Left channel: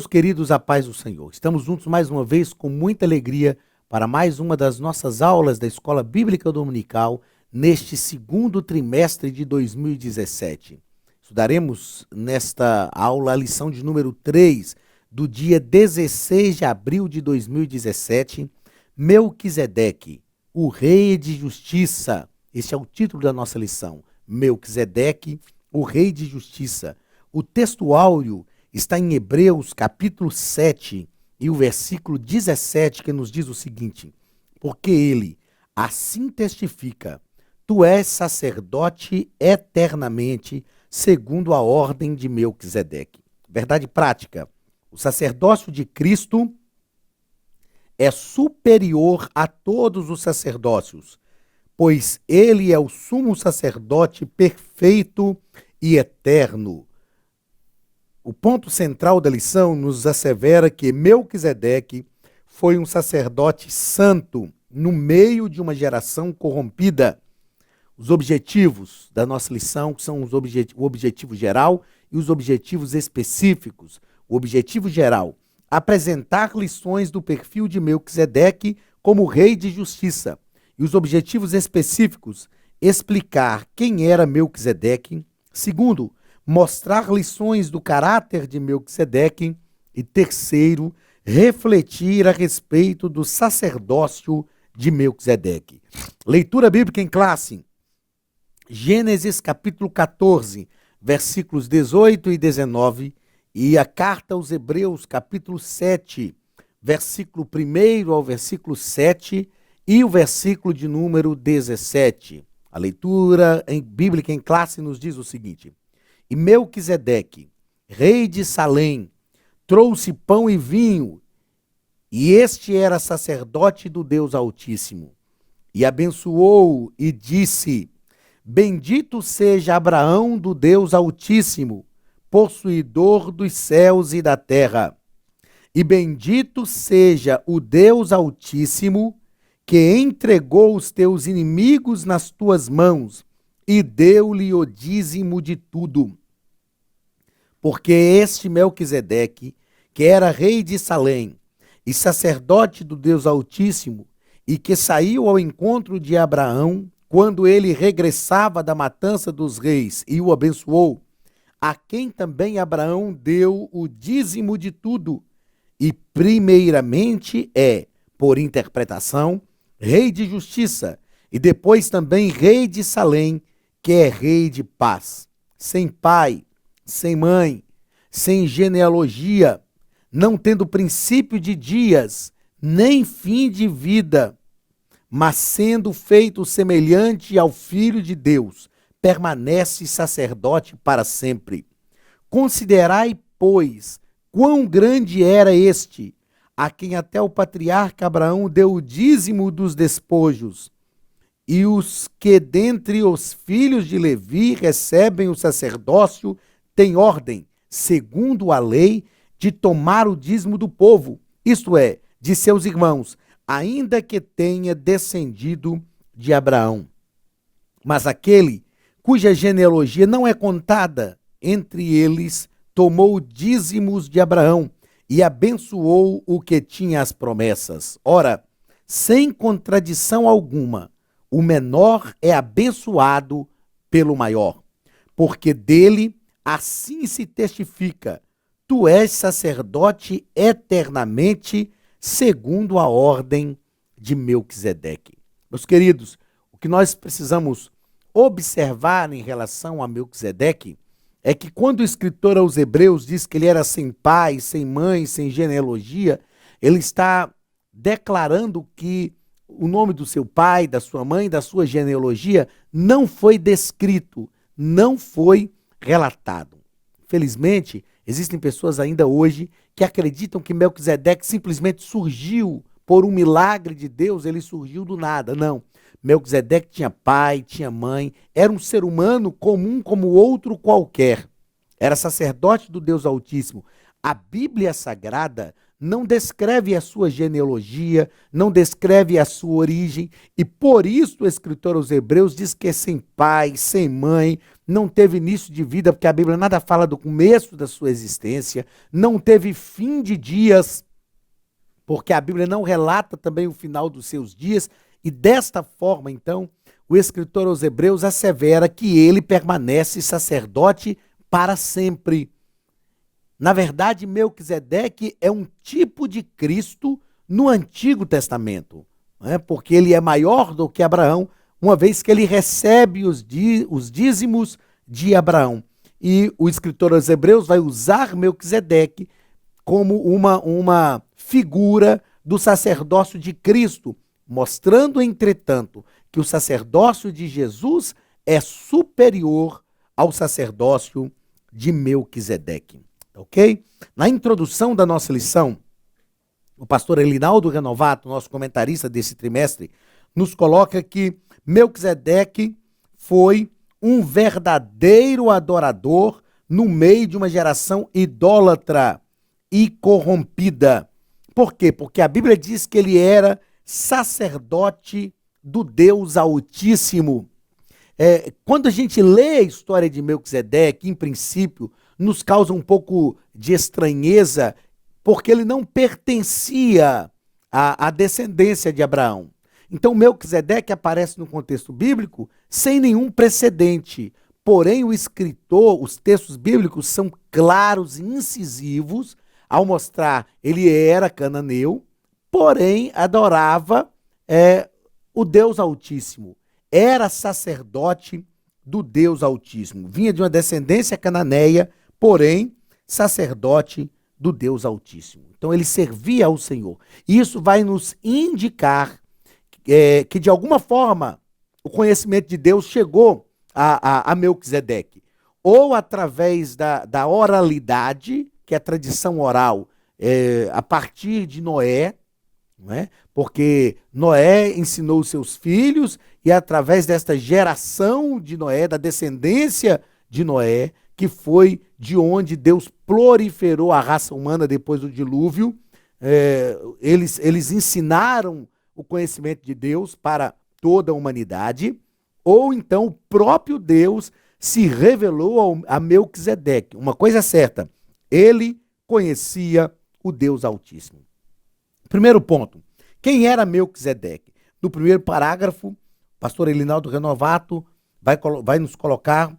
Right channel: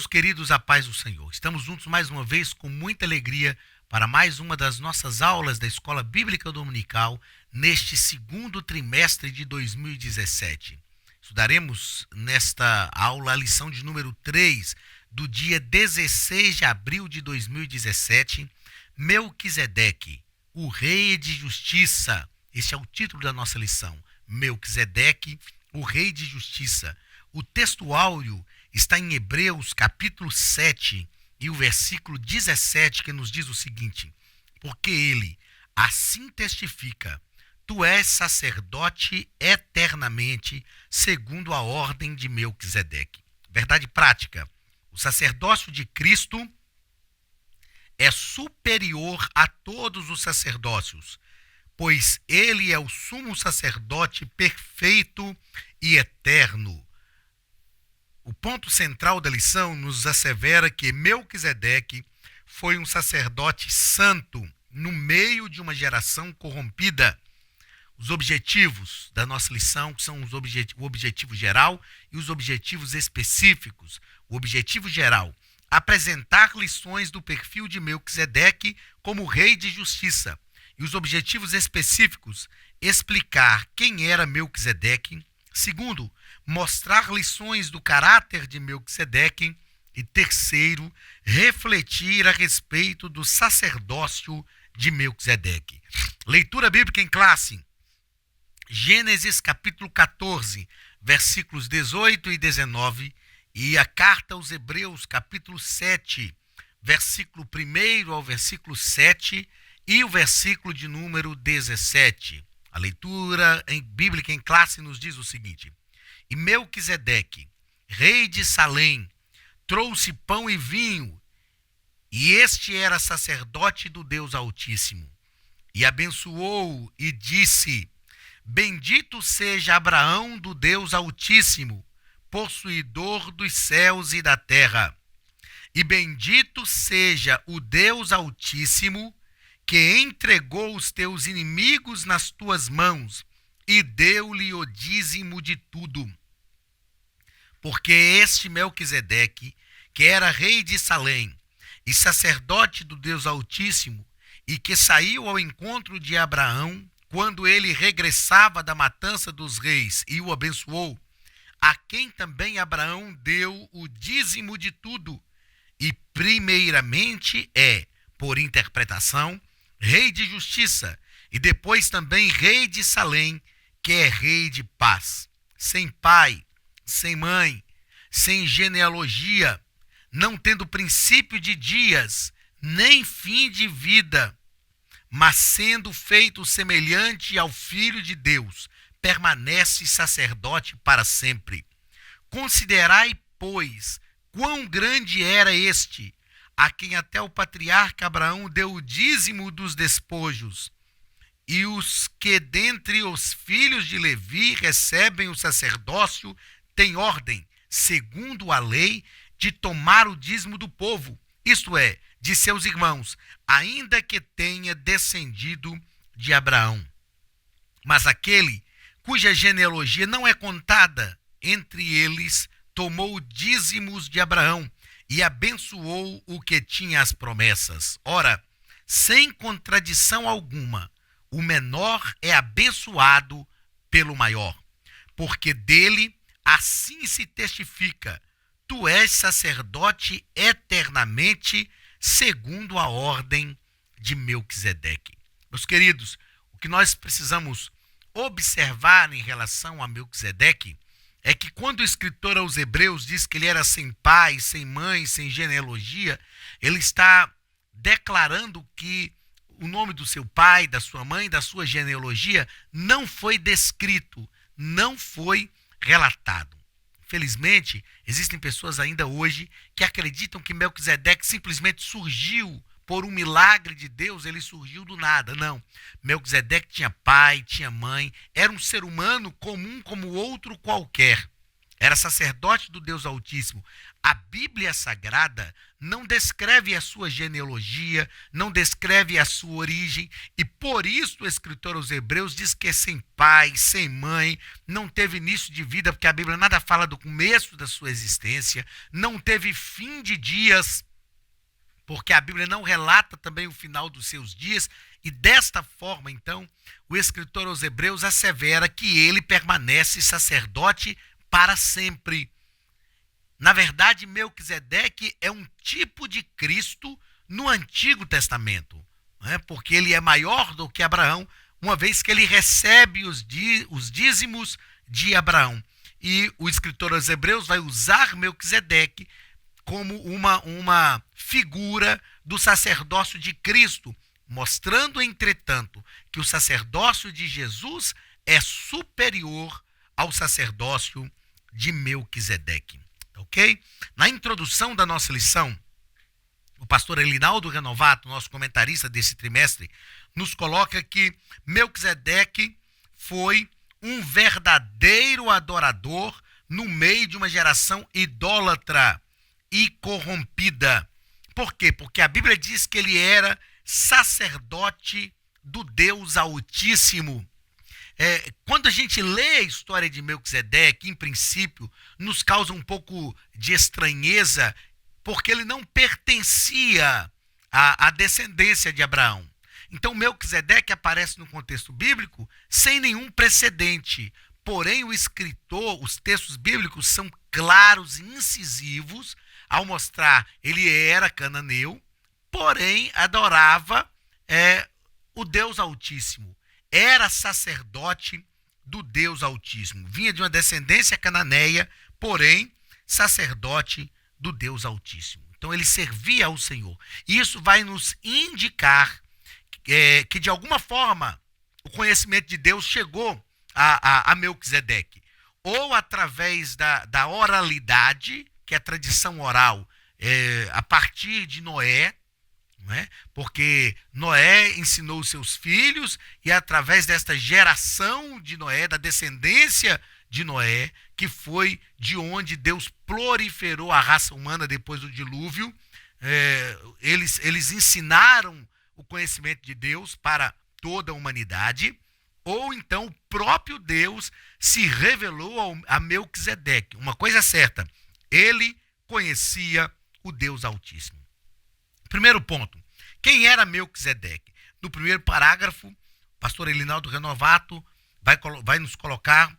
Meus queridos, a paz do Senhor. Estamos juntos mais uma vez com muita alegria para mais uma das nossas aulas da Escola Bíblica Dominical neste segundo trimestre de 2017. Estudaremos nesta aula a lição de número 3 do dia 16 de abril de 2017, Melquisedeque, o Rei de Justiça. Este é o título da nossa lição, Melquisedeque, o Rei de Justiça. O texto áureo está em Hebreus capítulo 7 e o versículo 17, que nos diz o seguinte: porque ele assim testifica, tu és sacerdote eternamente, segundo a ordem de Melquisedeque. Verdade prática: o sacerdócio de Cristo é superior a todos os sacerdócios, pois ele é o sumo sacerdote perfeito e eterno. O ponto central da lição nos assevera que Melquisedeque foi um sacerdote santo no meio de uma geração corrompida. Os objetivos da nossa lição são o objetivo geral e os objetivos específicos. O objetivo geral: apresentar lições do perfil de Melquisedeque como rei de justiça. E os objetivos específicos: explicar quem era Melquisedeque. Segundo, mostrar lições do caráter de Melquisedeque. E terceiro, refletir a respeito do sacerdócio de Melquisedeque. Leitura bíblica em classe. Gênesis capítulo 14, versículos 18 e 19, e a carta aos Hebreus capítulo 7, versículo 1 ao versículo 7 e o versículo de número 17. A leitura bíblica em classe nos diz o seguinte: e Melquisedeque, rei de Salém, trouxe pão e vinho, e este era sacerdote do Deus Altíssimo. E abençoou e disse: bendito seja Abraão do Deus Altíssimo, possuidor dos céus e da terra. E bendito seja o Deus Altíssimo, que entregou os teus inimigos nas tuas mãos e deu-lhe o dízimo de tudo. Porque este Melquisedeque, que era rei de Salém e sacerdote do Deus Altíssimo, e que saiu ao encontro de Abraão quando ele regressava da matança dos reis e o abençoou, a quem também Abraão deu o dízimo de tudo, e primeiramente é, por interpretação, rei de justiça, e depois também rei de Salém, que é rei de paz, sem pai, sem mãe, sem genealogia, não tendo princípio de dias, nem fim de vida, mas sendo feito semelhante ao Filho de Deus, permanece sacerdote para sempre. Considerai, pois, quão grande era este, a quem até o patriarca Abraão deu o dízimo dos despojos, e os que dentre os filhos de Levi recebem o sacerdócio têm ordem, segundo a lei, de tomar o dízimo do povo, isto é, de seus irmãos, ainda que tenha descendido de Abraão. Mas aquele cuja genealogia não é contada entre eles, tomou dízimos de Abraão e abençoou o que tinha as promessas. Ora, sem contradição alguma, o menor é abençoado pelo maior, porque dele assim se testifica: tu és sacerdote eternamente, segundo a ordem de Melquisedeque. Meus queridos, o que nós precisamos observar em relação a Melquisedeque é que quando o escritor aos Hebreus diz que ele era sem pai, sem mãe, sem genealogia, ele está declarando que o nome do seu pai, da sua mãe, da sua genealogia não foi descrito, não foi relatado. Infelizmente, existem pessoas ainda hoje que acreditam que Melquisedeque simplesmente surgiu por um milagre de Deus, ele surgiu do nada. Não. Melquisedeque tinha pai, tinha mãe, era um ser humano comum como outro qualquer. Era sacerdote do Deus Altíssimo. A Bíblia Sagrada não descreve a sua genealogia, não descreve a sua origem, e por isso o escritor aos Hebreus diz que é sem pai, sem mãe, não teve início de vida, porque a Bíblia nada fala do começo da sua existência, não teve fim de dias, porque a Bíblia não relata também o final dos seus dias, e desta forma, então, o escritor aos Hebreus assevera que ele permanece sacerdote para sempre. Na verdade, Melquisedeque é um tipo de Cristo no Antigo Testamento, né? Porque ele é maior do que Abraão, uma vez que ele recebe os dízimos de Abraão. E o escritor aos Hebreus vai usar Melquisedeque como uma figura do sacerdócio de Cristo, mostrando, entretanto, que o sacerdócio de Jesus é superior ao sacerdócio de Melquisedeque. Ok? Na introdução da nossa lição, o pastor Elinaldo Renovato, nosso comentarista desse trimestre, nos coloca que Melquisedeque foi um verdadeiro adorador no meio de uma geração idólatra e corrompida. Por quê? Porque a Bíblia diz que ele era sacerdote do Deus Altíssimo. Quando a gente lê a história de Melquisedeque, em princípio, nos causa um pouco de estranheza, porque ele não pertencia à descendência de Abraão. Então, Melquisedeque aparece no contexto bíblico sem nenhum precedente. Porém, o escritor, os textos bíblicos são claros e incisivos ao mostrar ele era cananeu, porém adorava o Deus Altíssimo. Era sacerdote do Deus Altíssimo. Vinha de uma descendência cananeia, porém sacerdote do Deus Altíssimo. Então ele servia ao Senhor. E isso vai nos indicar que de alguma forma o conhecimento de Deus chegou a Melquisedeque. Ou através da oralidade, que é a tradição oral, a partir de Noé, não é? Porque Noé ensinou os seus filhos e através desta geração de Noé, da descendência de Noé, que foi de onde Deus proliferou a raça humana depois do dilúvio, eles ensinaram o conhecimento de Deus para toda a humanidade, ou então o próprio Deus se revelou a Melquisedeque. Uma coisa é certa, ele conhecia o Deus Altíssimo. Primeiro ponto, quem era Melquisedeque? No primeiro parágrafo, o pastor Elinaldo Renovato vai nos colocar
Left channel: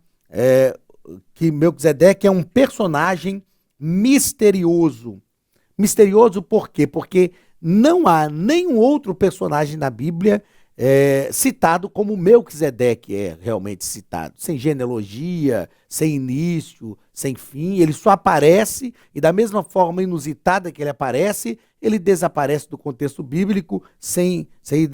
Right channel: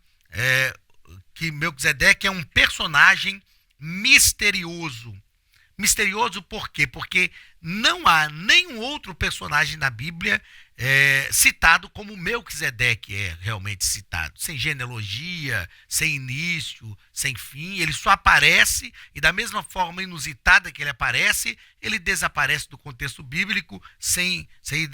que Melquisedeque é um personagem misterioso. Misterioso por quê? Porque não há nenhum outro personagem na Bíblia citado como Melquisedeque é realmente citado. Sem genealogia, sem início, sem fim. Ele só aparece e da mesma forma inusitada que ele aparece, ele desaparece do contexto bíblico sem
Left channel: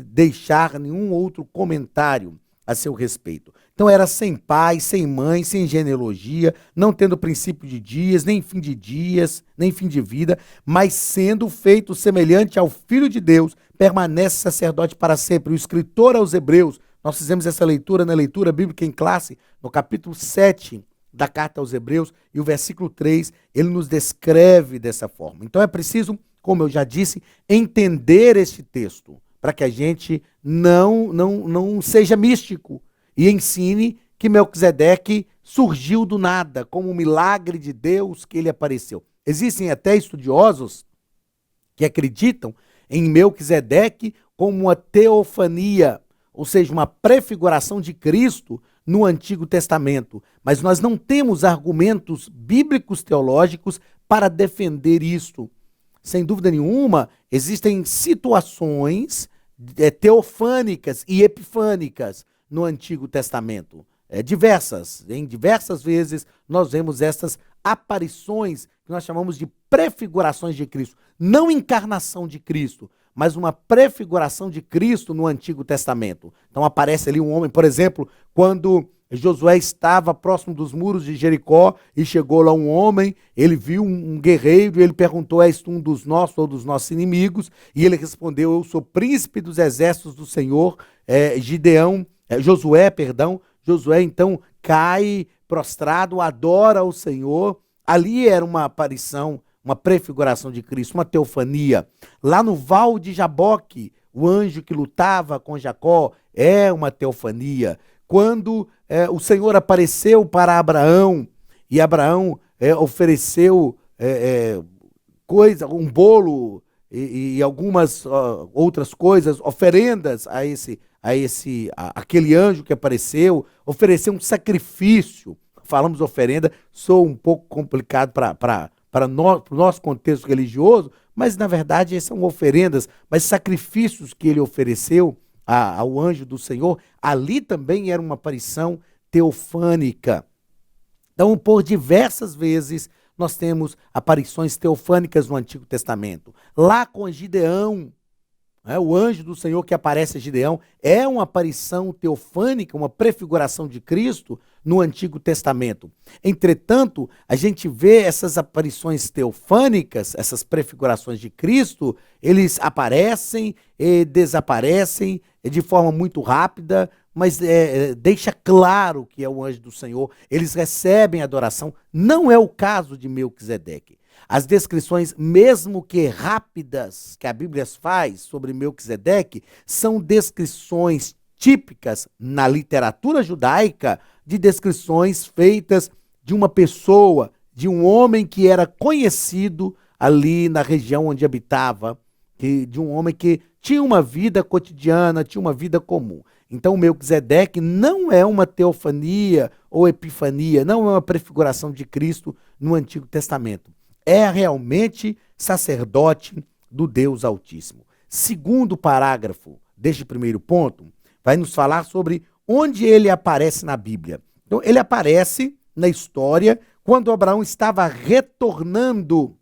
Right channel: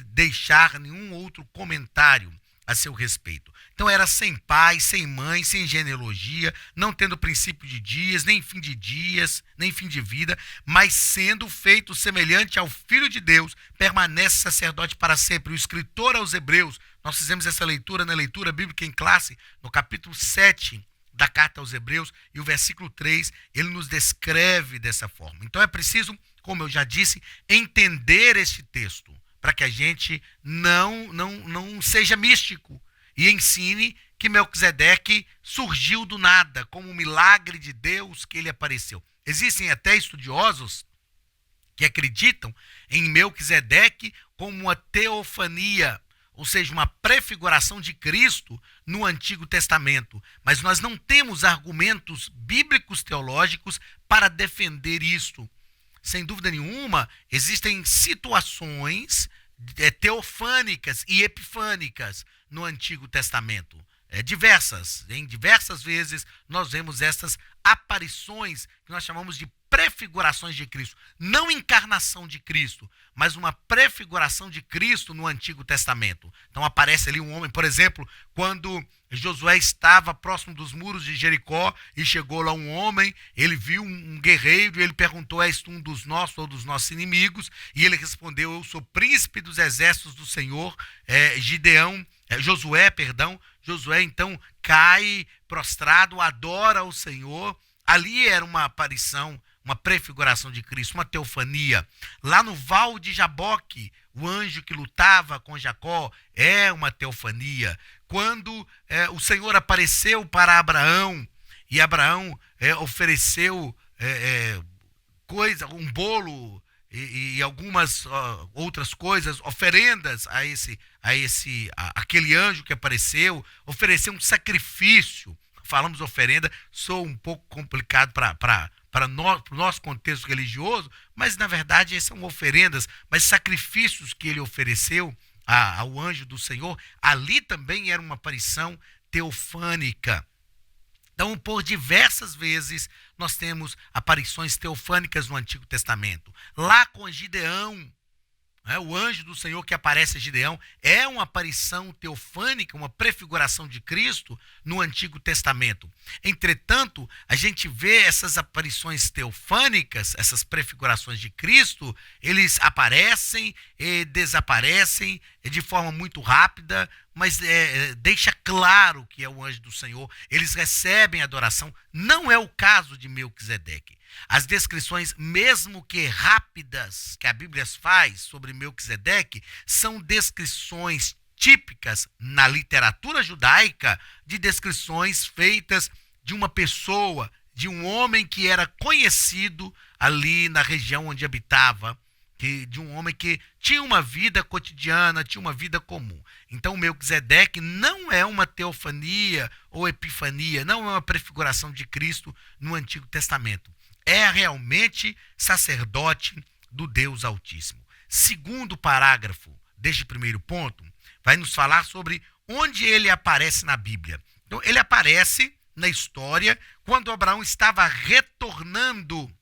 deixar nenhum outro comentário a seu respeito. Então era sem pai, sem mãe, sem genealogia, não tendo princípio de dias, nem fim de dias, nem fim de vida, mas sendo feito semelhante ao Filho de Deus, permanece sacerdote para sempre. O escritor aos Hebreus, nós fizemos essa leitura na leitura bíblica em classe, no capítulo 7 da carta aos Hebreus, e o versículo 3, ele nos descreve dessa forma. Então é preciso, como eu já disse, entender este texto, para que a gente não seja místico e ensine que Melquisedeque surgiu do nada, como um milagre de Deus que ele apareceu. Existem até estudiosos que acreditam em Melquisedeque como uma teofania, ou seja, uma prefiguração de Cristo no Antigo Testamento. Mas nós não temos argumentos bíblicos teológicos para defender isto. Sem dúvida nenhuma, existem situações teofânicas e epifânicas no Antigo Testamento. Em diversas vezes nós vemos essas aparições que nós chamamos de prefigurações de Cristo. Não encarnação de Cristo, mas uma prefiguração de Cristo no Antigo Testamento. Então aparece ali um homem, por exemplo, quando Josué estava próximo dos muros de Jericó e chegou lá um homem, ele viu um guerreiro e ele perguntou: és tu um dos nossos ou dos nossos inimigos? E ele respondeu: eu sou príncipe dos exércitos do Senhor. Josué então cai prostrado, adora o Senhor. Ali era uma aparição, uma prefiguração de Cristo, uma teofania. Lá no Val de Jaboque, o anjo que lutava com Jacó é uma teofania. Quando o Senhor apareceu para Abraão e Abraão ofereceu um bolo e algumas outras coisas, oferendas aquele anjo que apareceu, ofereceu um sacrifício. Falamos oferenda, sou um pouco complicado para o nosso contexto religioso, mas na verdade são oferendas, mas sacrifícios que ele ofereceu ao anjo do Senhor, ali também era uma aparição teofânica. Então, por diversas vezes, nós temos aparições teofânicas no Antigo Testamento. Lá com Gideão, o anjo do Senhor que aparece a Gideão é uma aparição teofânica, uma prefiguração de Cristo no Antigo Testamento. Entretanto, a gente vê essas aparições teofânicas, essas prefigurações de Cristo, eles aparecem e desaparecem de forma muito rápida, mas deixa claro que é o anjo do Senhor. Eles recebem adoração. Não é o caso de Melquisedeque. As descrições, mesmo que rápidas, que a Bíblia faz sobre Melquisedeque, são descrições típicas na literatura judaica de descrições feitas de uma pessoa, de um homem que era conhecido ali na região onde habitava, de um homem que tinha uma vida cotidiana, tinha uma vida comum. Então, Melquisedeque não é uma teofania ou epifania, não é uma prefiguração de Cristo no Antigo Testamento. É realmente sacerdote do Deus Altíssimo. Segundo parágrafo deste primeiro ponto, vai nos falar sobre onde ele aparece na Bíblia. Então, ele aparece na história quando Abraão estava retornando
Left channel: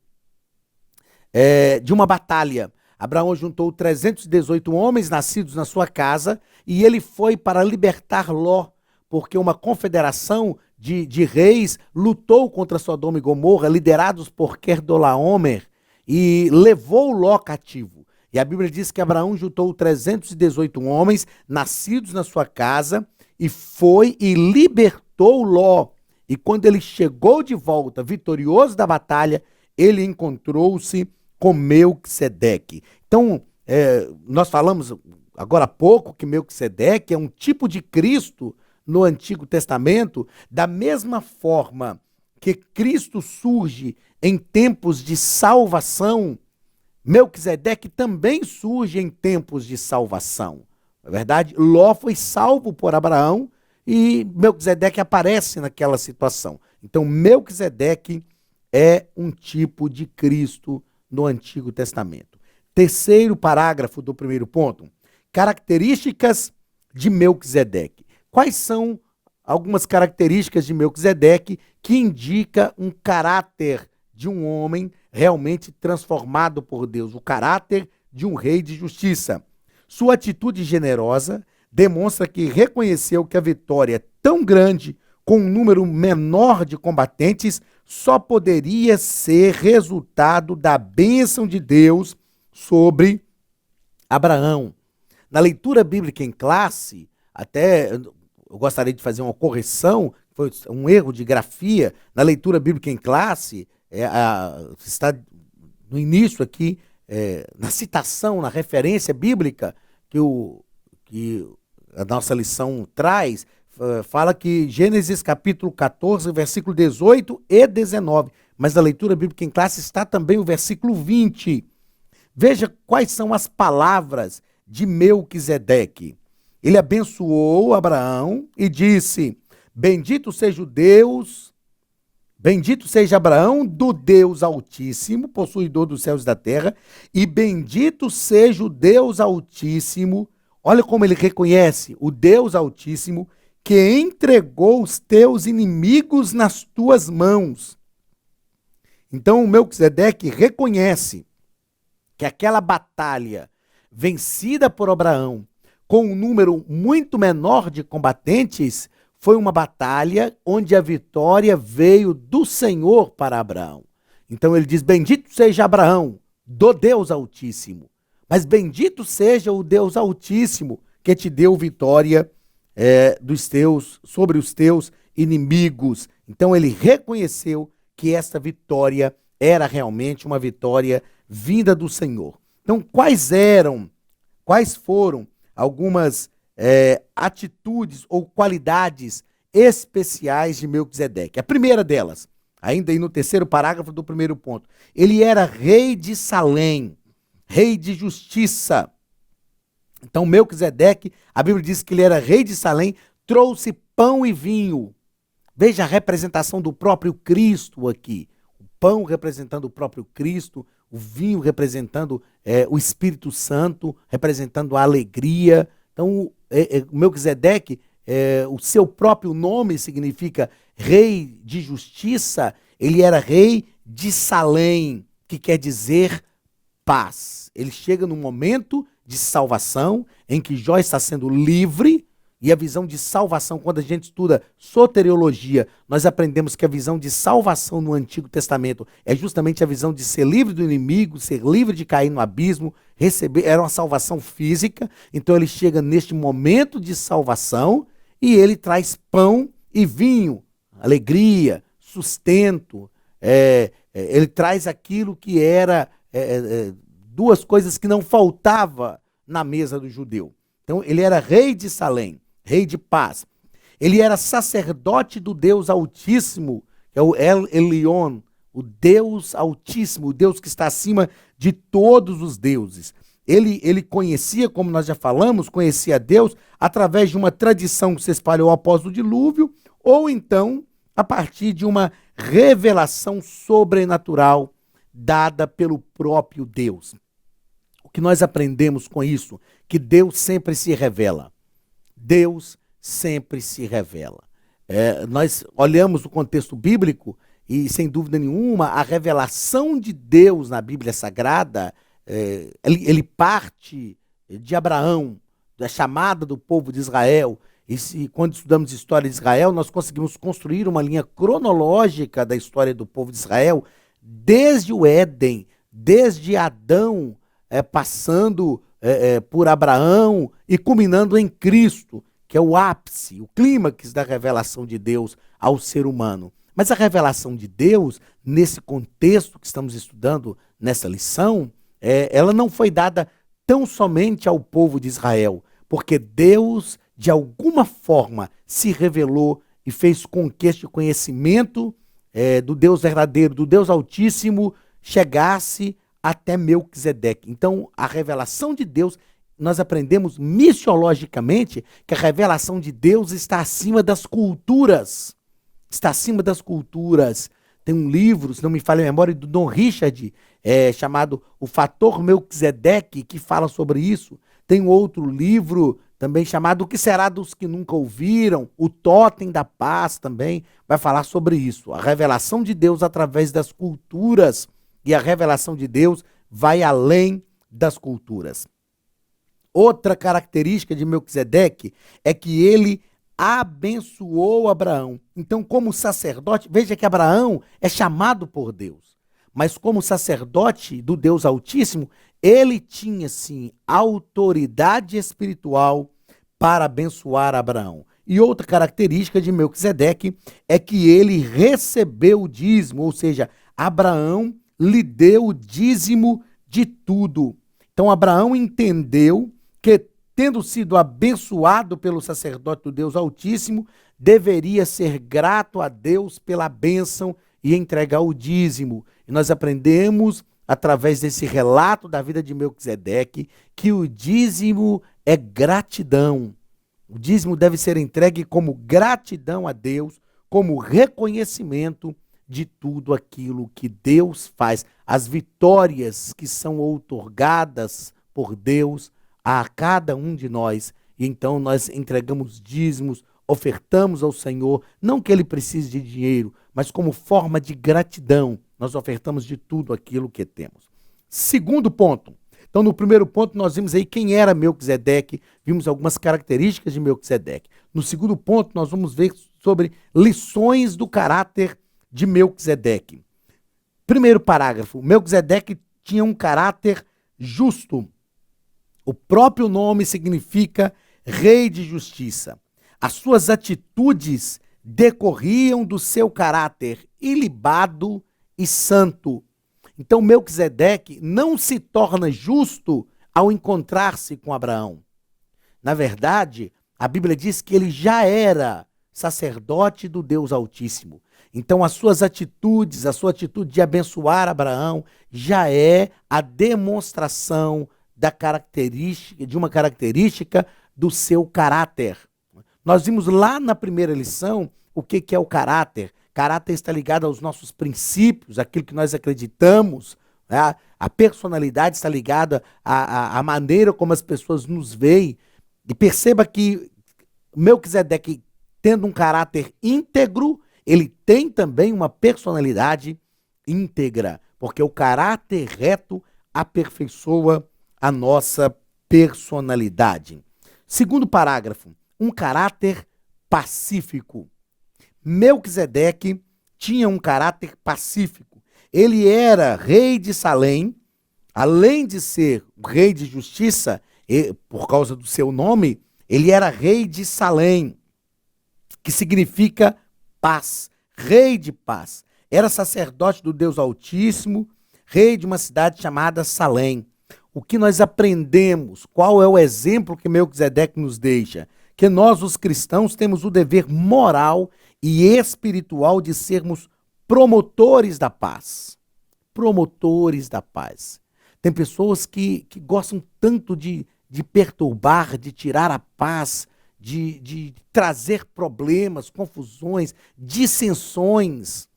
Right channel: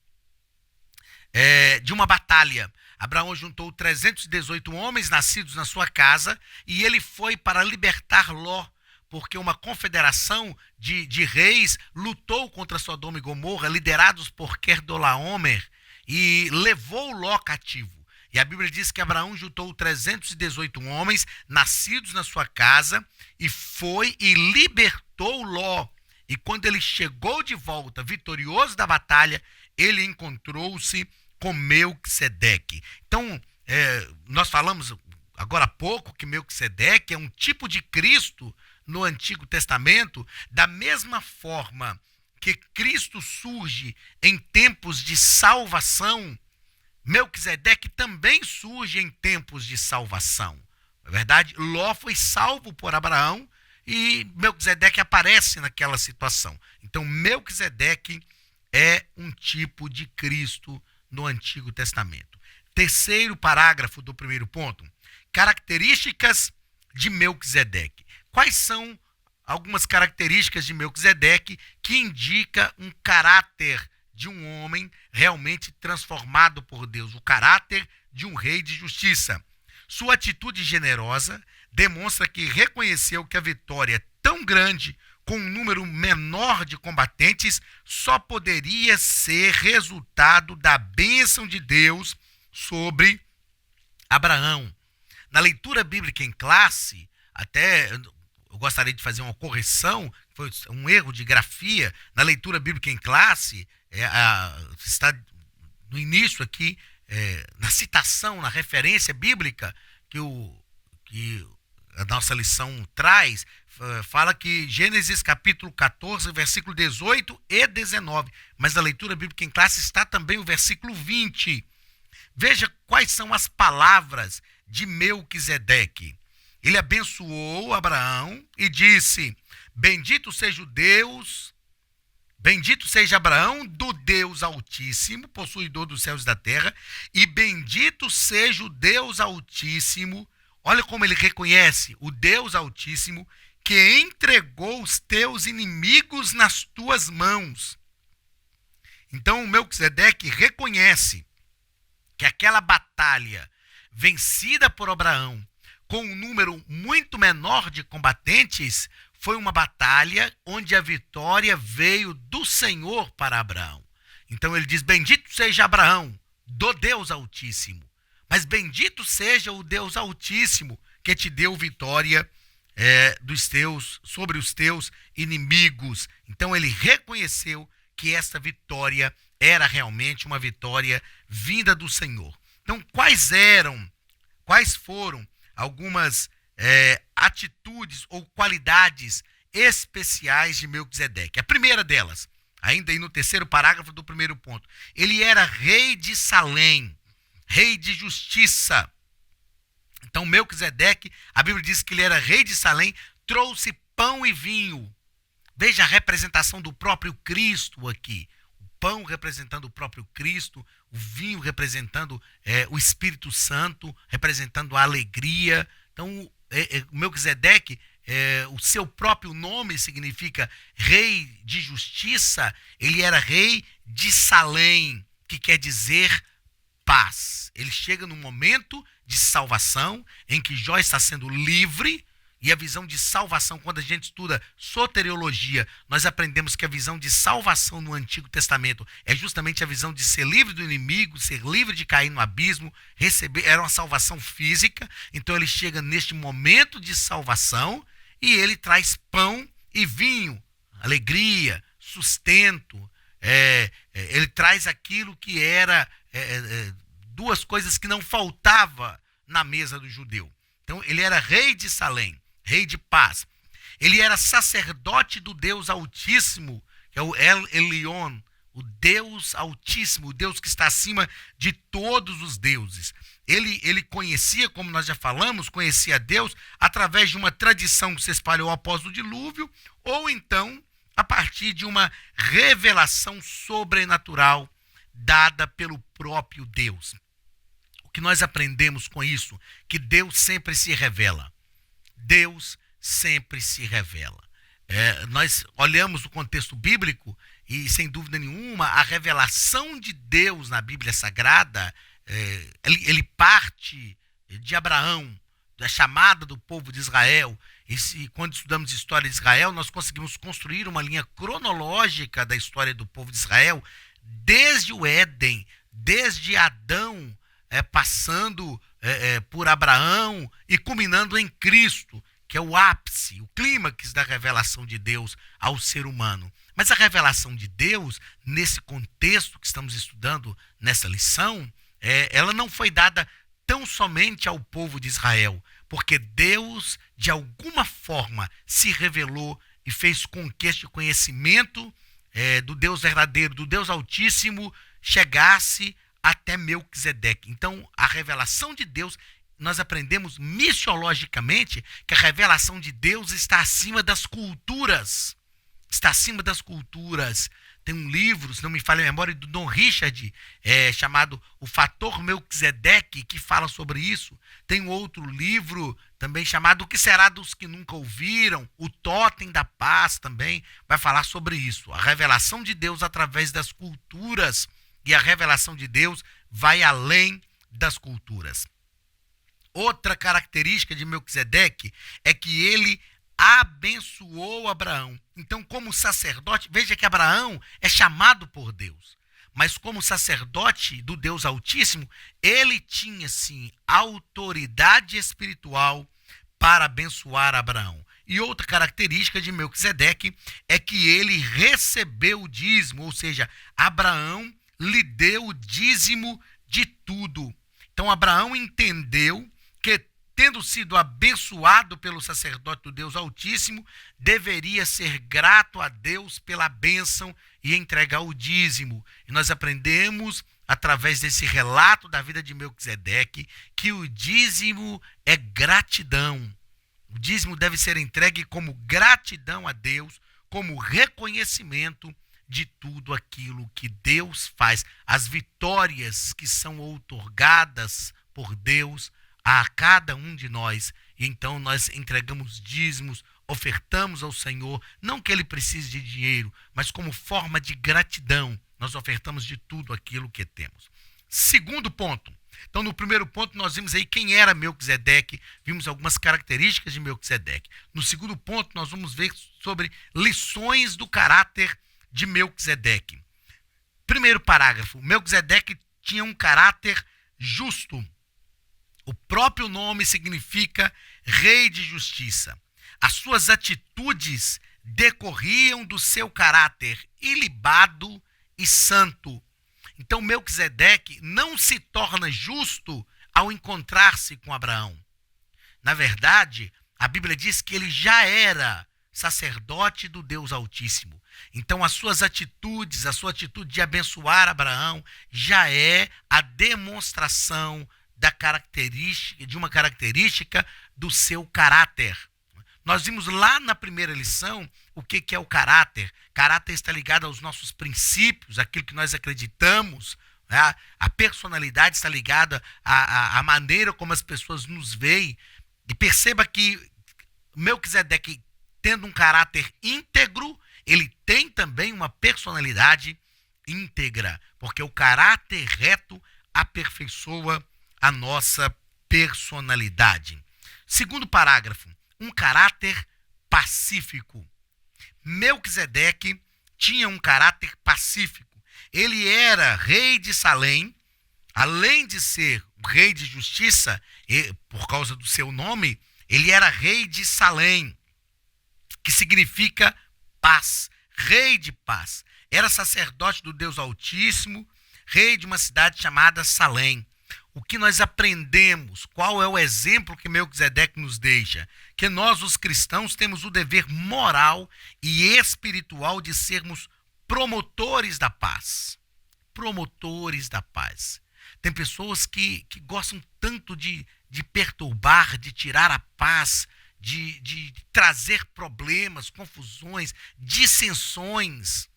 de uma batalha. Abraão juntou 318 homens nascidos na sua casa e ele foi para libertar Ló, porque uma confederação de reis lutou contra Sodoma e Gomorra, liderados por Querdolaomer, e levou Ló cativo. E a Bíblia diz que Abraão juntou 318 homens nascidos na sua casa e foi e libertou Ló. E quando ele chegou de volta, vitorioso da batalha, ele encontrou-se com Melquisedeque. Então, nós falamos agora há pouco que Melquisedeque é um tipo de Cristo no Antigo Testamento, da mesma forma que Cristo surge em tempos de salvação, Melquisedeque também surge em tempos de salvação. Na verdade, Ló foi salvo por Abraão e Melquisedeque aparece naquela situação. Então, Melquisedeque é um tipo de Cristo no Antigo Testamento. Terceiro parágrafo do primeiro ponto. Características de Melquisedeque. Quais são algumas características de Melquisedeque que indica um caráter de um homem realmente transformado por Deus, o caráter de um rei de justiça? Sua atitude generosa demonstra que reconheceu que a vitória tão grande com um número menor de combatentes só poderia ser resultado da bênção de Deus sobre Abraão. Na leitura bíblica em classe, até eu gostaria de fazer uma correção, foi um erro de grafia. Na leitura bíblica em classe, está no início aqui, na citação, na referência bíblica que a nossa lição traz, fala que Gênesis capítulo 14, versículo 18 e 19, mas na leitura bíblica em classe está também o versículo 20. Veja quais são as palavras de Melquisedeque. Ele abençoou Abraão e disse: bendito seja Abraão do Deus Altíssimo, possuidor dos céus e da terra, e bendito seja o Deus Altíssimo. Olha como ele reconhece o Deus Altíssimo, que entregou os teus inimigos nas tuas mãos. Então o Melquisedeque reconhece que aquela batalha vencida por Abraão, com um número muito menor de combatentes, foi uma batalha onde a vitória veio do Senhor para Abraão. Então ele diz: bendito seja Abraão, do Deus Altíssimo. Mas bendito seja o Deus Altíssimo, que te deu vitória sobre os teus inimigos. Então ele reconheceu que essa vitória era realmente uma vitória vinda do Senhor. Então, quais foram algumas atitudes ou qualidades especiais de Melquisedeque? A primeira delas, ainda aí no terceiro parágrafo do primeiro ponto, ele era rei de Salém, rei de justiça. Então, Melquisedeque, a Bíblia diz que ele era rei de Salém, trouxe pão e vinho. Veja a representação do próprio Cristo aqui. O pão representando o próprio Cristo, o vinho representando o Espírito Santo, representando a alegria. Então, Melquisedeque, o seu próprio nome significa rei de justiça. Ele era rei de Salém, que quer dizer paz. Ele chega num momento de salvação em que Jó está sendo livre. E a visão de salvação, quando a gente estuda soteriologia, nós aprendemos que a visão de salvação no Antigo Testamento é justamente a visão de ser livre do inimigo, ser livre de cair no abismo, receber, era uma salvação física. Então ele chega neste momento de salvação e ele traz pão e vinho, alegria, sustento. Ele traz aquilo que era duas coisas que não faltava na mesa do judeu. Então ele era rei de Salém, rei de paz. Ele era sacerdote do Deus Altíssimo, que é o El Elyon, o Deus Altíssimo, o Deus que está acima de todos os deuses. Ele conhecia, como nós já falamos, conhecia Deus através de uma tradição que se espalhou após o dilúvio, ou então a partir de uma revelação sobrenatural dada pelo próprio Deus. O que nós aprendemos com isso? Que Deus sempre se revela. Deus sempre se revela. Nós olhamos o contexto bíblico e, sem dúvida nenhuma, a revelação de Deus na Bíblia Sagrada, ele parte de Abraão, da chamada do povo de Israel. E quando estudamos história de Israel, nós conseguimos construir uma linha cronológica da história do povo de Israel, desde o Éden, desde Adão, passando por Abraão e culminando em Cristo, que é o ápice, o clímax da revelação de Deus ao ser humano. Mas a revelação de Deus, nesse contexto que estamos estudando nessa lição, ela não foi dada tão somente ao povo de Israel, porque Deus, de alguma forma, se revelou e fez com que este conhecimento do Deus verdadeiro, do Deus Altíssimo, chegasse até Melquisedeque. Então, a revelação de Deus, nós aprendemos missiologicamente que a revelação de Deus está acima das culturas. Está acima das culturas. Tem um livro, se não me falha a memória, do Don Richard, chamado O Fator Melquisedeque, que fala sobre isso. Tem um outro livro também chamado O que será dos que nunca ouviram? O Totem da Paz também vai falar sobre isso. A revelação de Deus através das culturas. E a revelação de Deus vai além das culturas. Outra característica de Melquisedeque é que ele abençoou Abraão. Então, como sacerdote, veja que Abraão é chamado por Deus, mas como sacerdote do Deus Altíssimo, ele tinha, sim, autoridade espiritual para abençoar Abraão. E outra característica de Melquisedeque é que ele recebeu o dízimo, ou seja, Abraão lhe deu o dízimo de tudo. Então Abraão entendeu que, tendo sido abençoado pelo sacerdote do Deus Altíssimo, deveria ser grato a Deus pela bênção e entregar o dízimo. E nós aprendemos, através desse relato da vida de Melquisedeque, que o dízimo é gratidão. O dízimo deve ser entregue como gratidão a Deus, como reconhecimento de tudo aquilo que Deus faz, as vitórias que são outorgadas por Deus a cada um de nós. E então nós entregamos dízimos, ofertamos ao Senhor, não que ele precise de dinheiro, mas como forma de gratidão, nós ofertamos de tudo aquilo que temos. Segundo ponto. Então, no primeiro ponto, nós vimos aí quem era Melquisedeque, vimos algumas características de Melquisedeque. No segundo ponto, nós vamos ver sobre lições do caráter de Melquisedeque. Primeiro parágrafo, Melquisedeque tinha um caráter justo. O próprio nome significa rei de justiça. As suas atitudes decorriam do seu caráter ilibado e santo. Então Melquisedeque não se torna justo ao encontrar-se com Abraão. Na verdade, a Bíblia diz que ele já era sacerdote do Deus Altíssimo. Então as suas atitudes, a sua atitude de abençoar Abraão já é a demonstração de uma característica do seu caráter. Nós vimos lá na primeira lição o que é o caráter. Caráter está ligado aos nossos princípios, aquilo que nós acreditamos. Né? A personalidade está ligada à maneira como as pessoas nos veem. E perceba que Melquisedeque, tendo um caráter íntegro, ele tem também uma personalidade íntegra, porque o caráter reto aperfeiçoa a nossa personalidade. Segundo parágrafo, um caráter pacífico. Melquisedeque tinha um caráter pacífico. Ele era rei de Salém, além de ser rei de justiça, por causa do seu nome, ele era rei de Salém, que significa paz, rei de paz. Era sacerdote do Deus Altíssimo, rei de uma cidade chamada Salém. O que nós aprendemos? Qual é o exemplo que Melquisedeque nos deixa? Que nós, os cristãos, temos o dever moral e espiritual de sermos promotores da paz. Promotores da paz. Tem pessoas que gostam tanto de perturbar, de tirar a paz, de trazer problemas, confusões, dissensões.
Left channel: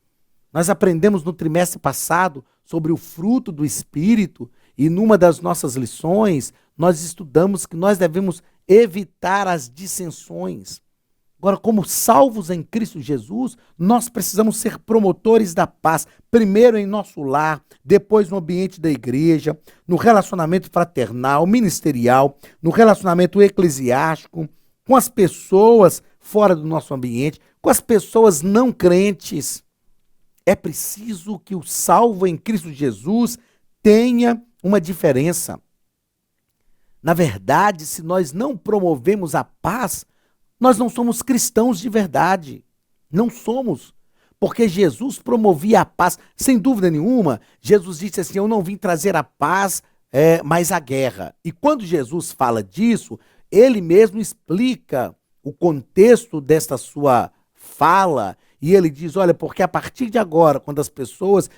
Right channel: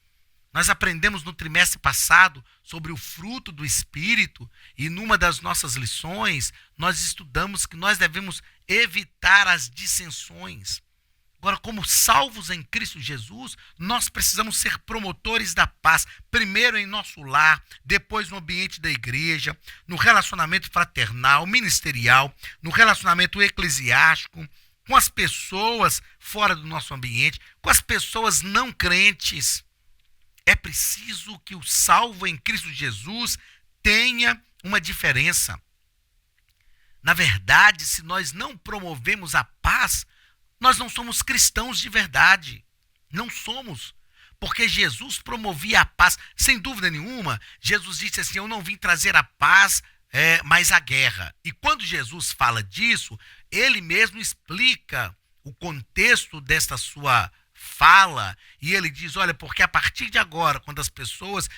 Nós aprendemos no trimestre passado sobre o fruto do Espírito e numa das nossas lições nós estudamos que nós devemos evitar as dissensões. Agora, como salvos em Cristo Jesus, nós precisamos ser promotores da paz, primeiro em nosso lar, depois no ambiente da igreja, no relacionamento fraternal, ministerial, no relacionamento eclesiástico, com as pessoas fora do nosso ambiente, com as pessoas não crentes. É preciso que o salvo em Cristo Jesus tenha uma diferença. Na verdade, se nós não promovemos a paz, nós não somos cristãos de verdade. Não somos. Porque Jesus promovia a paz. Sem dúvida nenhuma, Jesus disse assim, eu não vim trazer a paz, mas a guerra. E quando Jesus fala disso, ele mesmo explica o contexto desta sua fala, e ele diz, olha, porque a partir de agora, quando as pessoas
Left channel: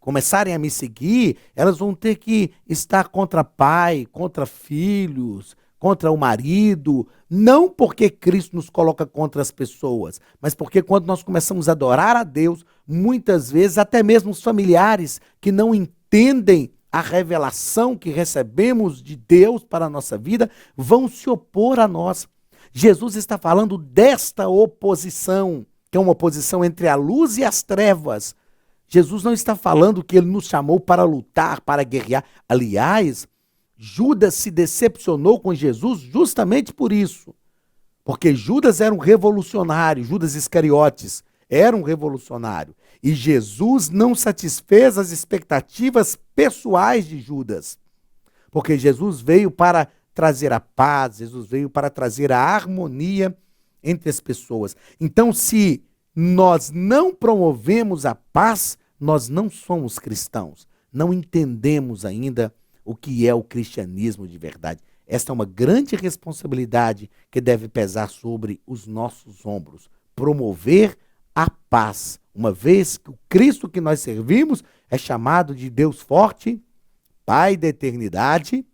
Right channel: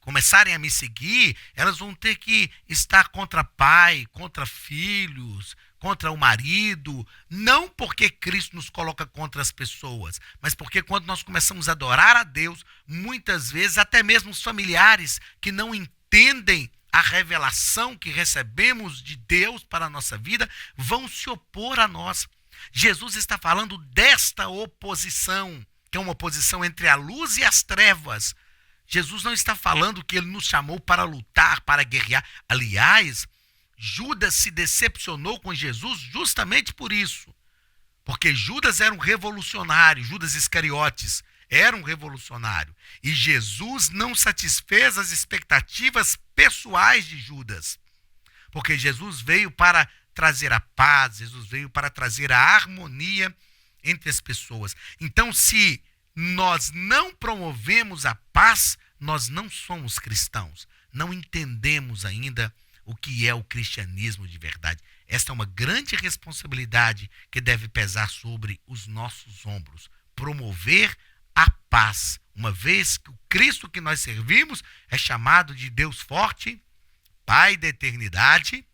começarem a me seguir, elas vão ter que estar contra pai, contra filhos, contra o marido, não porque Cristo nos coloca contra as pessoas, mas porque quando nós começamos a adorar a Deus, muitas vezes até mesmo os familiares que não entendem a revelação que recebemos de Deus para a nossa vida, vão se opor a nós. Jesus está falando desta oposição, que é uma oposição entre a luz e as trevas. Jesus não está falando que ele nos chamou para lutar, para guerrear. Aliás, Judas se decepcionou com Jesus justamente por isso. Porque Judas era um revolucionário, Judas Iscariotes era um revolucionário. E Jesus não satisfez as expectativas pessoais de Judas. Porque Jesus veio para trazer a paz, Jesus veio para trazer a harmonia entre as pessoas. Então, se nós não promovemos a paz, nós não somos cristãos. Não entendemos ainda o que é o cristianismo de verdade. Esta é uma grande responsabilidade que deve pesar sobre os nossos ombros. Promover a paz, uma vez que o Cristo que nós servimos é chamado de Deus forte, Pai da eternidade,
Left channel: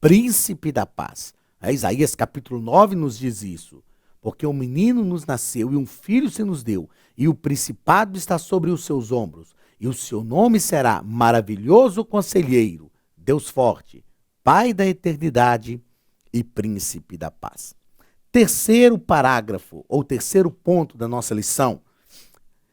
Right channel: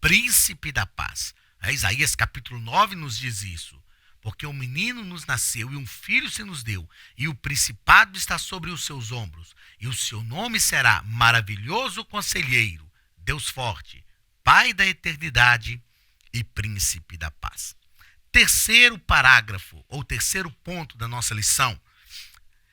Príncipe da paz. Isaías capítulo 9 nos diz isso. Porque um menino nos nasceu e um filho se nos deu, e o principado está sobre os seus ombros, e o seu nome será Maravilhoso Conselheiro, Deus Forte, Pai da Eternidade e Príncipe da Paz. Terceiro parágrafo, ou terceiro ponto da nossa lição,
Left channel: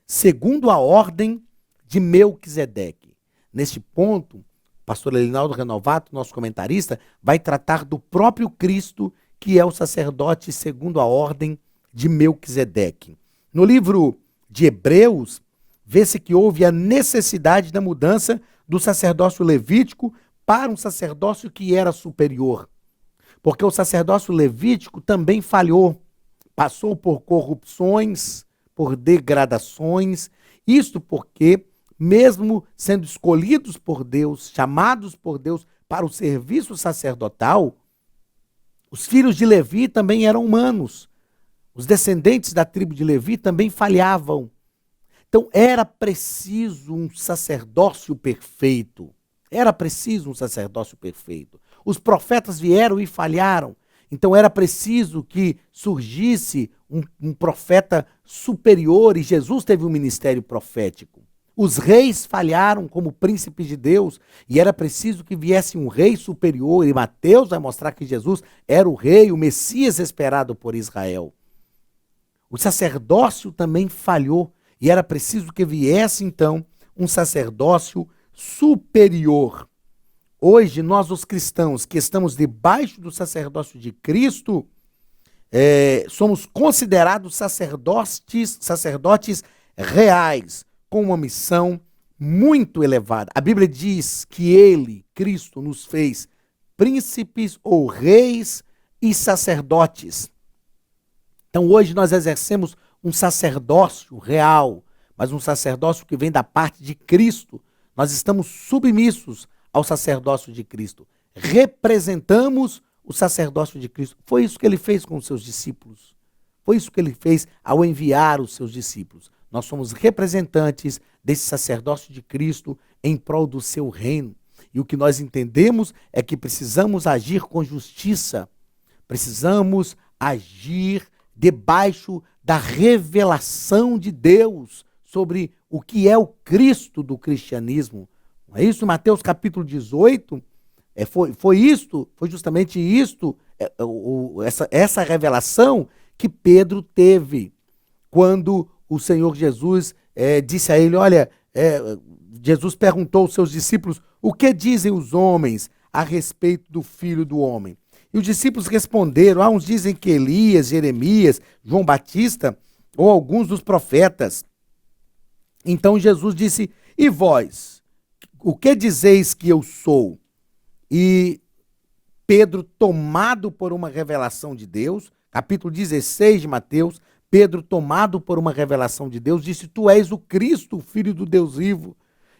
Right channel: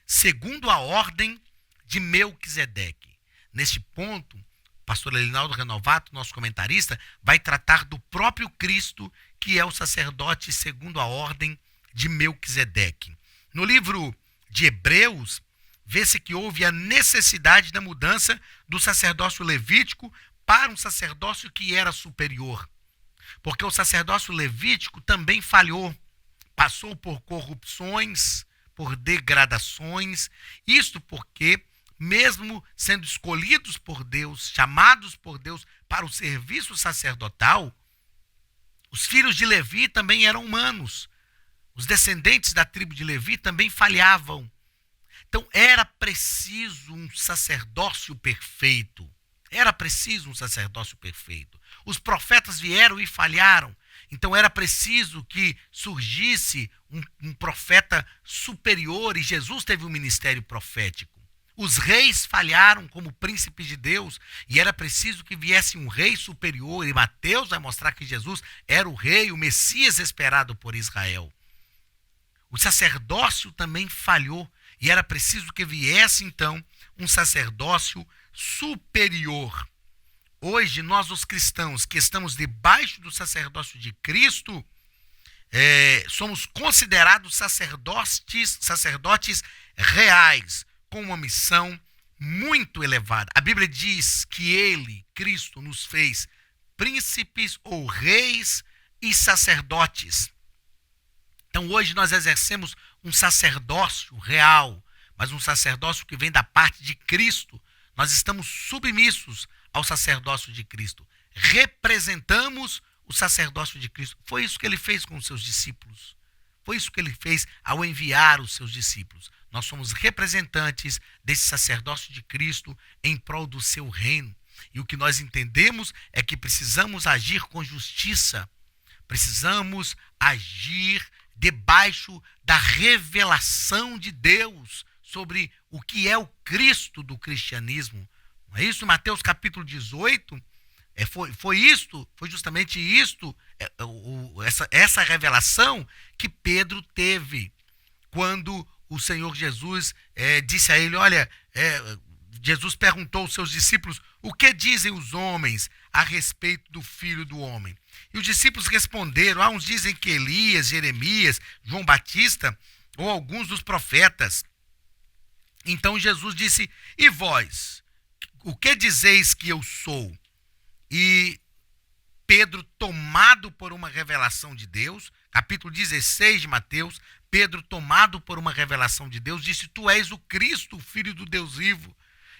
segundo a ordem de Melquisedeque. Neste ponto, o pastor Elinaldo Renovato, nosso comentarista, vai tratar do próprio Cristo, que é o sacerdote segundo a ordem de Melquisedeque. No livro de Hebreus, vê-se que houve a necessidade da mudança do sacerdócio levítico para um sacerdócio que era superior. Porque o sacerdócio levítico também falhou, passou por corrupções, por degradações, isto porque, mesmo sendo escolhidos por Deus, chamados por Deus para o serviço sacerdotal, os filhos de Levi também eram humanos. Os descendentes da tribo de Levi também falhavam. Então era preciso um sacerdócio perfeito. Era preciso um sacerdócio perfeito. Os profetas vieram e falharam. Então era preciso que surgisse um profeta superior, e Jesus teve um ministério profético. Os reis falharam como príncipes de Deus, e era preciso que viesse um rei superior, e Mateus vai mostrar que Jesus era o rei, o Messias esperado por Israel. O sacerdócio também falhou, e era preciso que viesse então um sacerdócio superior. Hoje, nós, os cristãos que estamos debaixo do sacerdócio de Cristo, somos considerados sacerdotes reais, com uma missão muito elevada. A Bíblia diz que ele, Cristo, nos fez príncipes ou reis e sacerdotes. Então hoje nós exercemos um sacerdócio real, mas um sacerdócio que vem da parte de Cristo. Nós estamos submissos ao sacerdócio de Cristo. Representamos o sacerdócio de Cristo. Foi isso que ele fez com os seus discípulos. Foi isso que ele fez ao enviar os seus discípulos. Nós somos representantes desse sacerdócio de Cristo em prol do seu reino. E o que nós entendemos é que precisamos agir com justiça. Precisamos agir debaixo da revelação de Deus sobre o que é o Cristo do cristianismo. Não é isso? Mateus capítulo 18, foi justamente isto, essa revelação que Pedro teve quando o Senhor Jesus disse a ele, olha, Jesus perguntou aos seus discípulos, o que dizem os homens a respeito do Filho do Homem? E os discípulos responderam, uns dizem que Elias, Jeremias, João Batista ou alguns dos profetas. Então Jesus disse, e vós, o que dizeis que eu sou? E Pedro, tomado por uma revelação de Deus, capítulo 16 de Mateus, Pedro, tomado por uma revelação de Deus, disse, tu és o Cristo, o Filho do Deus vivo.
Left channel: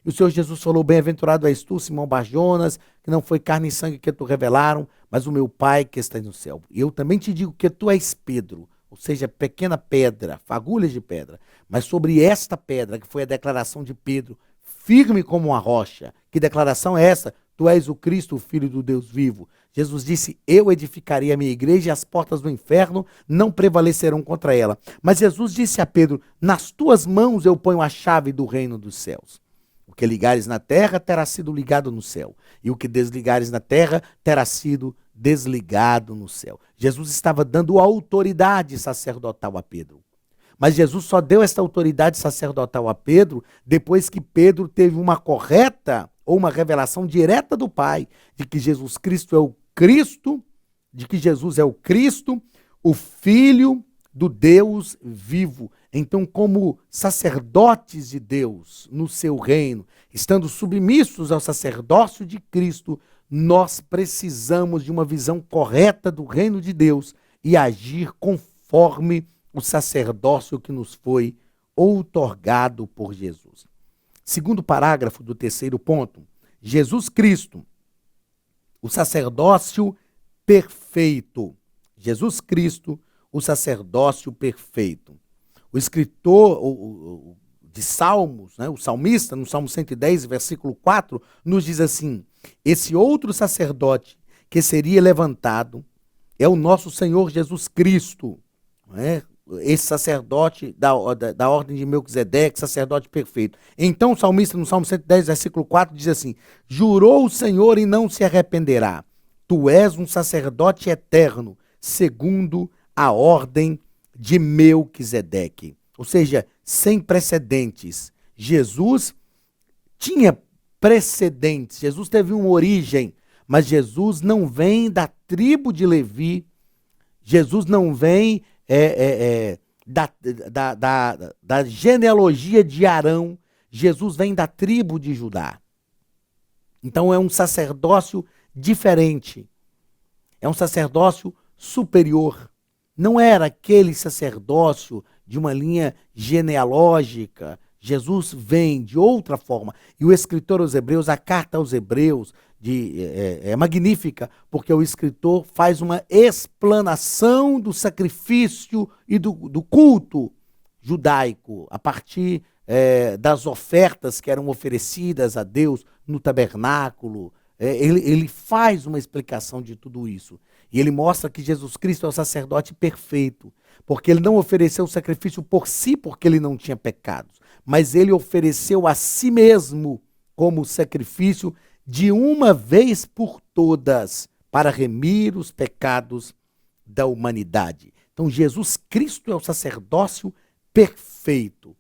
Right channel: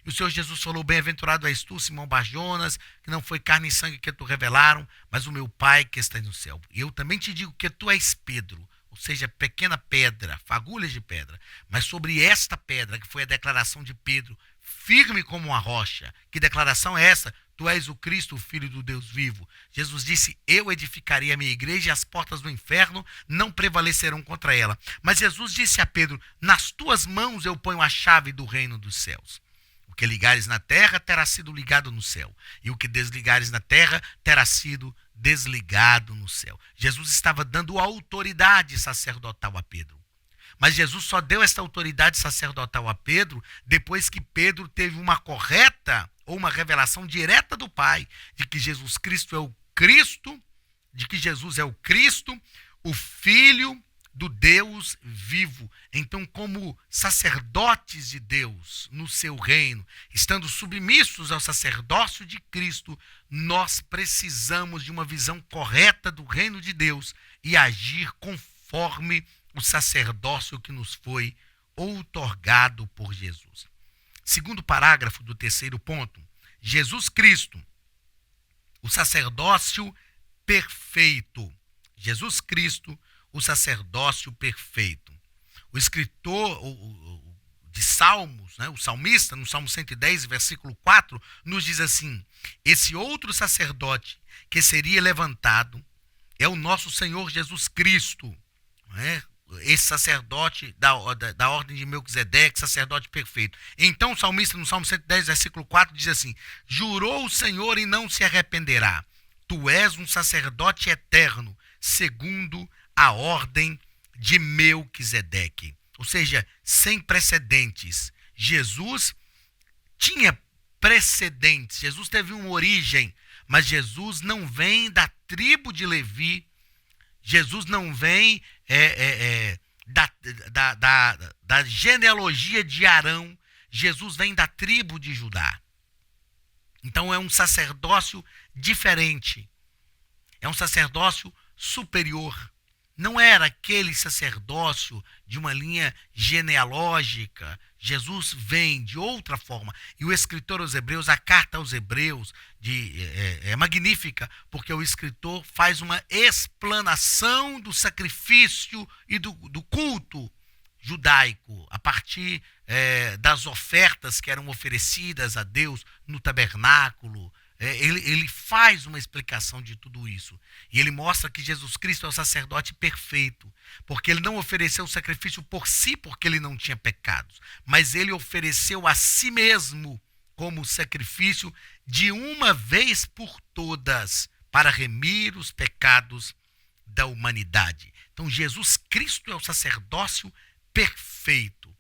E o Senhor Jesus falou, bem-aventurado és tu, Simão Barjonas, que não foi carne e sangue que tu revelaram, mas o meu Pai que está no céu. E eu também te digo que tu és Pedro, ou seja, pequena pedra, fagulhas de pedra. Mas sobre esta pedra, que foi a declaração de Pedro, firme como uma rocha. Que declaração é essa? Tu és o Cristo, o Filho do Deus vivo. Jesus disse, eu edificarei a minha igreja e as portas do inferno não prevalecerão contra ela. Mas Jesus disse a Pedro, nas tuas mãos eu ponho a chave do reino dos céus. O que ligares na terra terá sido ligado no céu, e o que desligares na terra terá sido desligado no céu. Jesus estava dando autoridade sacerdotal a Pedro. Mas Jesus só deu esta autoridade sacerdotal a Pedro depois que Pedro teve uma correta ou uma revelação direta do Pai de que Jesus Cristo é o Cristo, de que Jesus é o Cristo, o Filho do Deus vivo. Então, como sacerdotes de Deus no seu reino, estando submissos ao sacerdócio de Cristo, nós precisamos de uma visão correta do reino de Deus e agir conforme o sacerdócio que nos foi outorgado por Jesus. Segundo parágrafo do terceiro ponto, Jesus Cristo, o sacerdócio perfeito. Jesus Cristo, o sacerdócio perfeito. O escritor de Salmos, o salmista, no Salmo 110, versículo 4, nos diz assim, esse outro sacerdote que seria levantado é o nosso Senhor Jesus Cristo, esse sacerdote da ordem de Melquisedeque, sacerdote perfeito. Então o salmista no Salmo 110, versículo 4, diz assim, jurou o Senhor e não se arrependerá, tu és um sacerdote eterno, segundo a ordem de Melquisedeque. Ou seja, sem precedentes. Jesus tinha precedentes, Jesus teve uma origem, mas Jesus não vem da tribo de Levi, Jesus não vem da genealogia de Arão, Jesus vem da tribo de Judá. Então é um sacerdócio diferente, é um sacerdócio superior. Não era aquele sacerdócio de uma linha genealógica. Jesus vem de outra forma. E o escritor aos Hebreus, a carta aos Hebreus, é magnífica, porque o escritor faz uma explanação do sacrifício e do culto judaico, a partir das ofertas que eram oferecidas a Deus no tabernáculo. Ele faz uma explicação de tudo isso. E ele mostra que Jesus Cristo é o sacerdote perfeito, porque ele não ofereceu o sacrifício por si, porque ele não tinha pecados, mas ele ofereceu a si mesmo como sacrifício de uma vez por todas, para remir os pecados da humanidade. Então Jesus Cristo é o sacerdócio perfeito.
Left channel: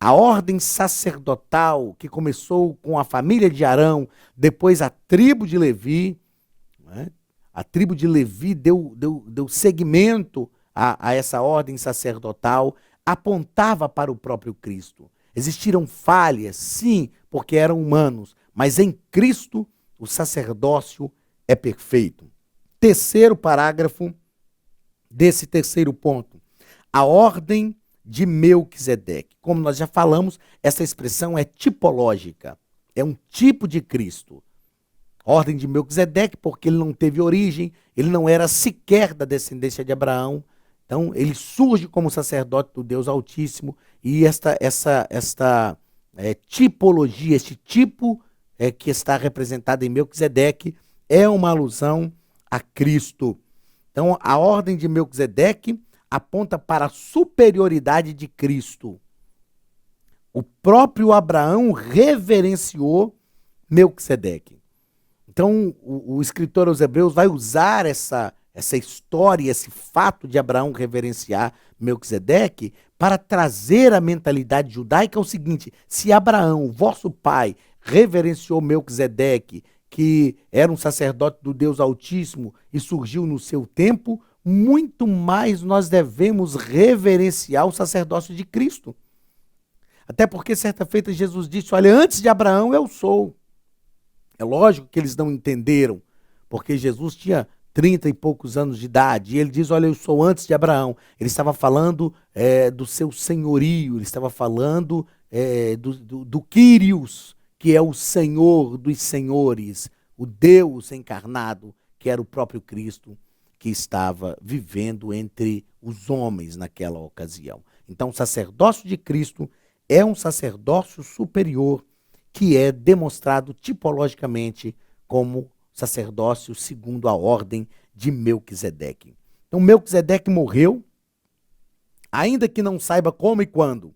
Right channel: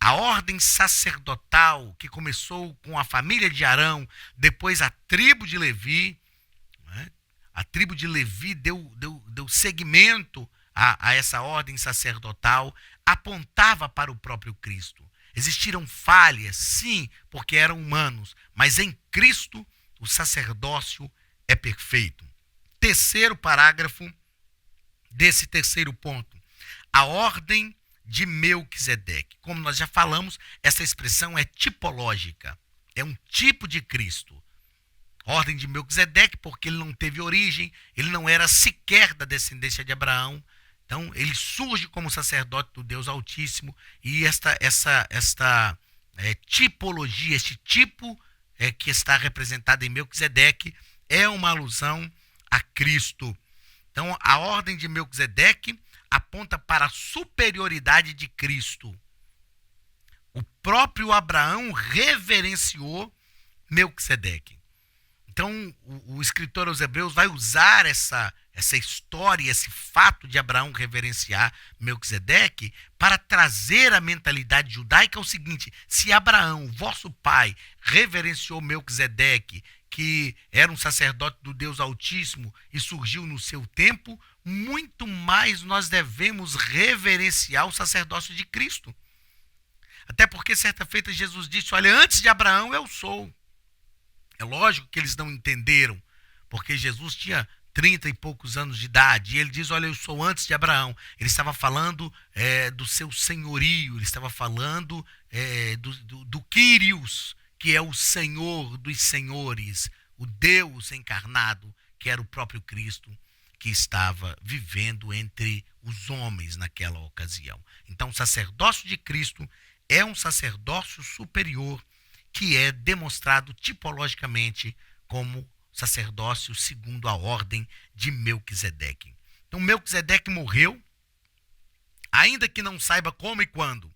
A ordem sacerdotal que começou com a família de Arão, depois a tribo de Levi, né? A tribo de Levi deu seguimento a essa ordem sacerdotal, apontava para o próprio Cristo. Existiram falhas, sim, porque eram humanos, mas em Cristo o sacerdócio é perfeito. Terceiro parágrafo desse terceiro ponto. A ordem de Melquisedeque. Como nós já falamos, essa expressão é tipológica. É um tipo de Cristo. Ordem de Melquisedeque, porque ele não teve origem, ele não era sequer da descendência de Abraão. Então, ele surge como sacerdote do Deus Altíssimo, e esta tipologia, este tipo que está representado em Melquisedeque, é uma alusão a Cristo. Então, a ordem de Melquisedeque aponta para a superioridade de Cristo. O próprio Abraão reverenciou Melquisedeque. Então, o escritor aos Hebreus vai usar essa história, esse fato de Abraão reverenciar Melquisedeque para trazer a mentalidade judaica ao seguinte: se Abraão, vosso pai, reverenciou Melquisedeque, que era um sacerdote do Deus Altíssimo e surgiu no seu tempo, muito mais nós devemos reverenciar o sacerdócio de Cristo. Até porque certa feita Jesus disse: olha, antes de Abraão eu sou. É lógico que eles não entenderam, porque Jesus tinha 30 e poucos anos de idade, e ele diz: olha, eu sou antes de Abraão. Ele estava falando do seu senhorio, ele estava falando do Kyrios, que é o Senhor dos senhores, o Deus encarnado, que era o próprio Cristo, que estava vivendo entre os homens naquela ocasião. Então, o sacerdócio de Cristo é um sacerdócio superior, que é demonstrado tipologicamente como sacerdócio segundo a ordem de Melquisedeque. Então, Melquisedeque morreu, ainda que não saiba como e quando.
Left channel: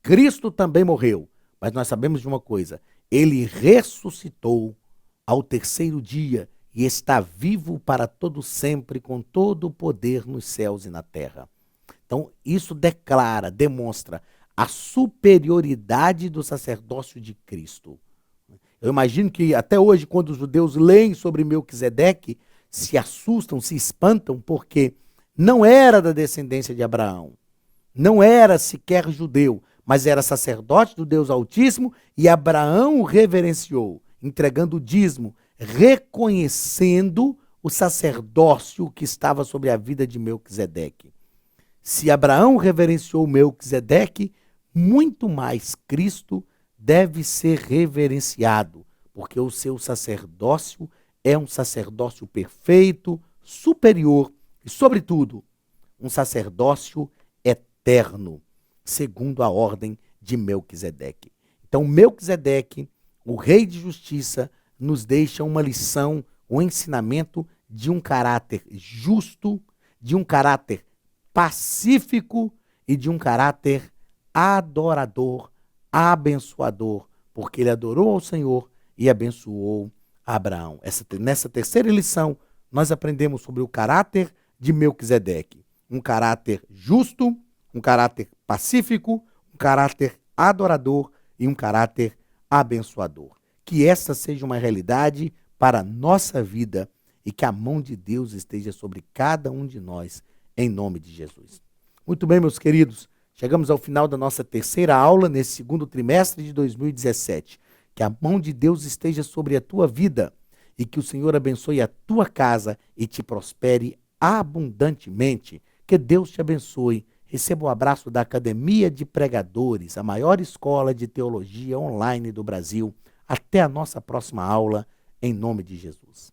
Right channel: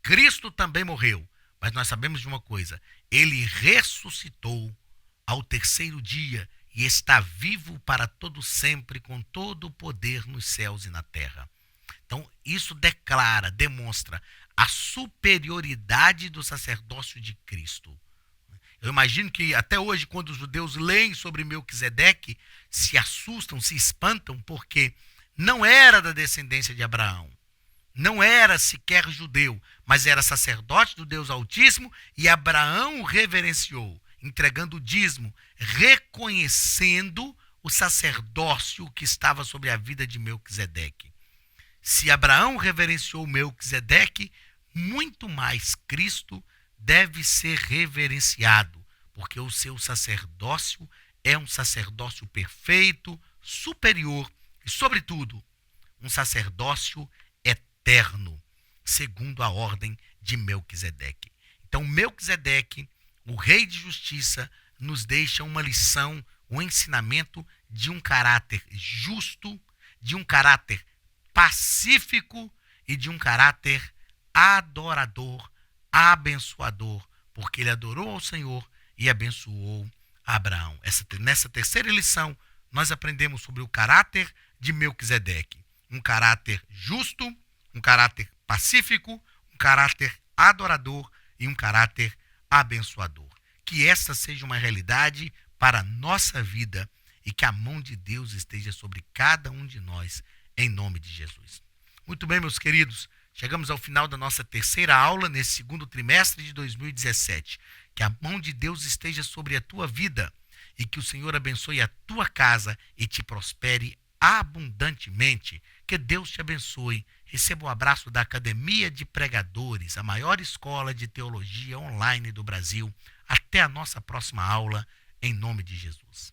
Cristo também morreu, mas nós sabemos de uma coisa: ele ressuscitou ao terceiro dia e está vivo para todo sempre, com todo o poder nos céus e na terra. Então, isso demonstra a superioridade do sacerdócio de Cristo. Eu imagino que até hoje, quando os judeus leem sobre Melquisedeque, se assustam, se espantam, porque não era da descendência de Abraão, não era sequer judeu, mas era sacerdote do Deus Altíssimo, e Abraão o reverenciou, entregando o dízimo, reconhecendo o sacerdócio que estava sobre a vida de Melquisedeque. Se Abraão reverenciou Melquisedeque, muito mais Cristo deve ser reverenciado, porque o seu sacerdócio é um sacerdócio perfeito, superior e, sobretudo, um sacerdócio eterno, segundo a ordem de Melquisedeque. Então, Melquisedeque, o rei de justiça, nos deixa uma lição, um ensinamento de um caráter justo, de um caráter pacífico e de um caráter adorador, abençoador, porque ele adorou ao Senhor e abençoou Abraão. Nessa terceira lição, nós aprendemos sobre o caráter de Melquisedeque. Um caráter justo, um caráter pacífico, um caráter adorador e um caráter abençoador. Que essa seja uma realidade para a nossa vida e que a mão de Deus esteja sobre cada um de nós, em nome de Jesus. Muito bem, meus queridos, chegamos ao final da nossa terceira aula nesse segundo trimestre de 2017. Que a mão de Deus esteja sobre a tua vida e que o Senhor abençoe a tua casa e te prospere abundantemente. Que Deus te abençoe. Receba o abraço da Academia de Pregadores, a maior escola de teologia online do Brasil. Até a nossa próxima aula, em nome de Jesus.